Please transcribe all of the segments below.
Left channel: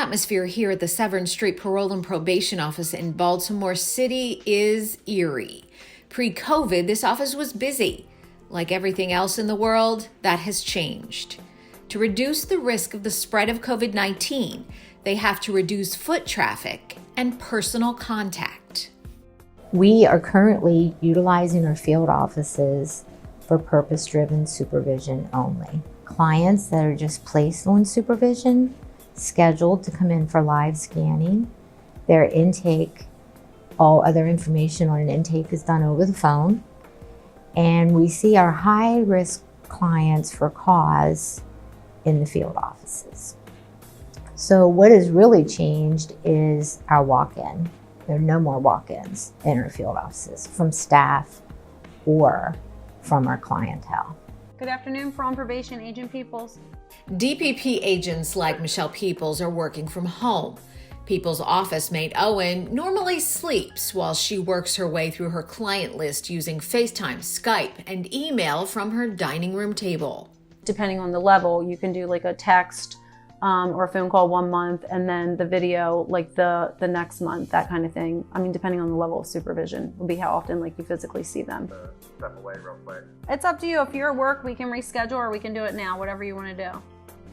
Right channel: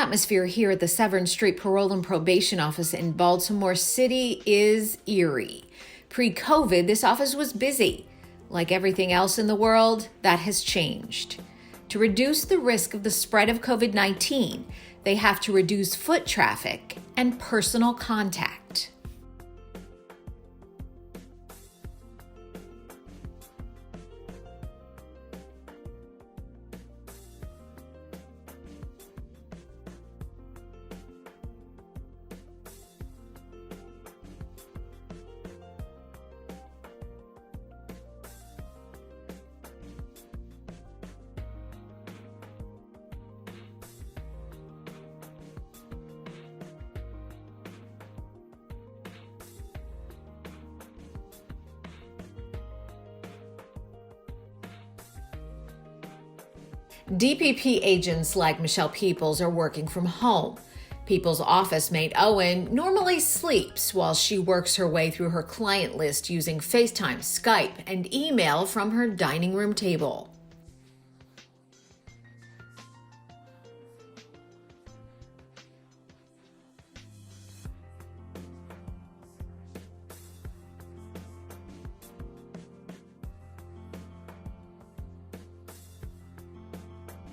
atmosphere here at the Severn Street Parole and Probation Office in Baltimore City is eerie. Pre-COVID, this office was busy. Like everything else in the world, that has changed. To reduce the risk of the spread of COVID-19, they have to reduce foot traffic and personal contact. We are currently utilizing our field offices for purpose-driven supervision only. Clients that are just placed on supervision, scheduled to come in for live scanning, their intake, all other information on an intake is done over the phone. And we see our high-risk clients for cause in the field offices. So what has really changed is our walk-in. There are no more walk-ins in our field offices from staff or from our clientele. Good afternoon, Parole and Probation Agent Peoples. DPP agents like Michelle Peoples are working from home. Peoples' office mate Owen normally sleeps while she works her way through her client list using FaceTime, Skype, and email from her dining room table. Depending on the level, you can do like a text or a phone call 1 month, and then the video like the next month, that kind of thing. I mean, depending on the level of supervision will be how often like you physically see them. Step away real quick. It's up to you. If you're at work, we can reschedule or we can do it now, whatever you want to do.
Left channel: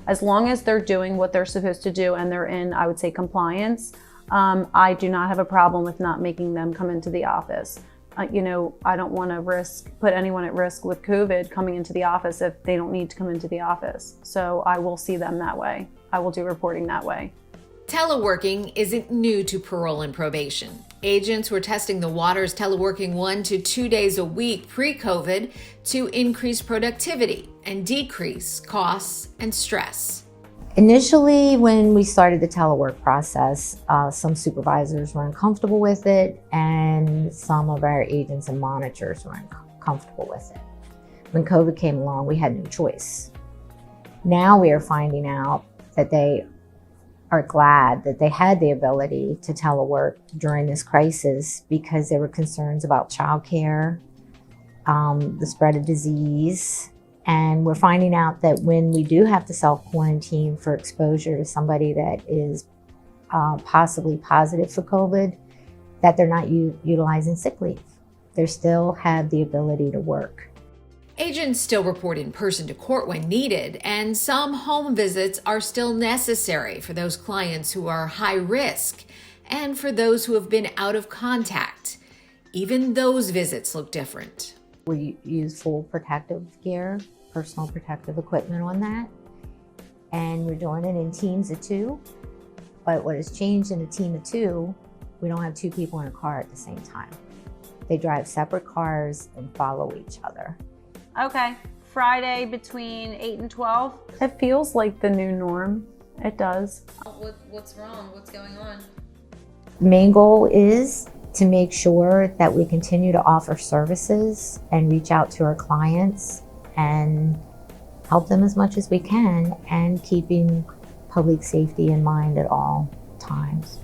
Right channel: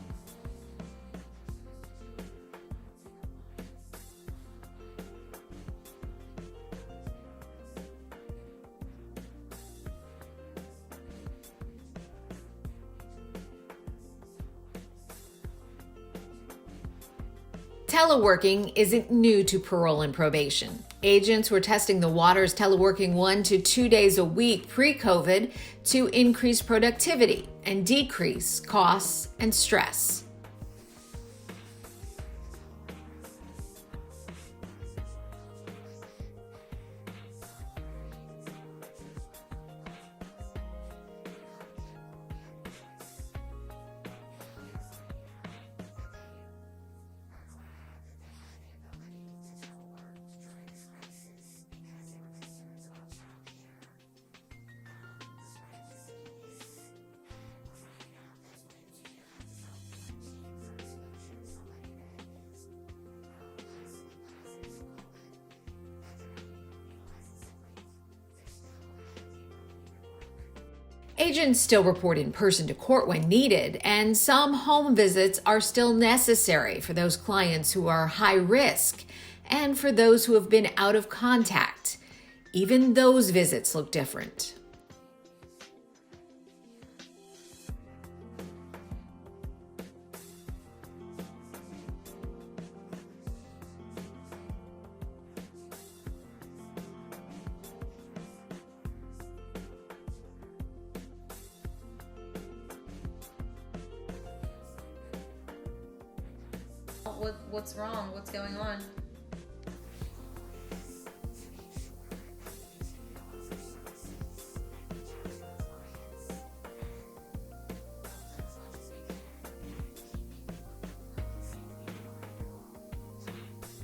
As long as they're doing what they're supposed to do and they're in, I would say, compliance, I do not have a problem with not making them come into the office. I don't want to put anyone at risk with COVID coming into the office if they don't need to come into the office. So I will see them that way. I will do reporting that way. Teleworking isn't new to parole and probation. Agents were testing the waters teleworking 1 to 2 days a week pre-COVID to increase productivity and decrease costs and stress. Initially, when we started the telework process, some supervisors were uncomfortable with it, and some of our agents and monitors were uncomfortable with it. When COVID came along, we had no choice. Now we are finding out that they are glad that they had the ability to telework during this crisis because there were concerns about childcare, the spread of disease. And we're finding out that when we do have to self-quarantine for exposure to somebody that is possibly positive for COVID, that they're not utilizing sick leave. They still have the ability to work. Agents still report in person to court when needed, and some home visits are still necessary for those clients who are high risk and for those who have been out of contact. Even those visits look different. We use full protective gear, personal protective equipment on that, and we're doing it in teams of 2. But what has changed in a team of 2, we don't have 2 people in a car at the same time. They drive separate cars and follow each other. Okay, Friday between 8 and 12. It feels like the new norm. It does. What's wrong? What's going on? The main goal is to make sure that we continue to offer services and reach out to our clients and help them as much as we can, and keeping public safety in mind at all times.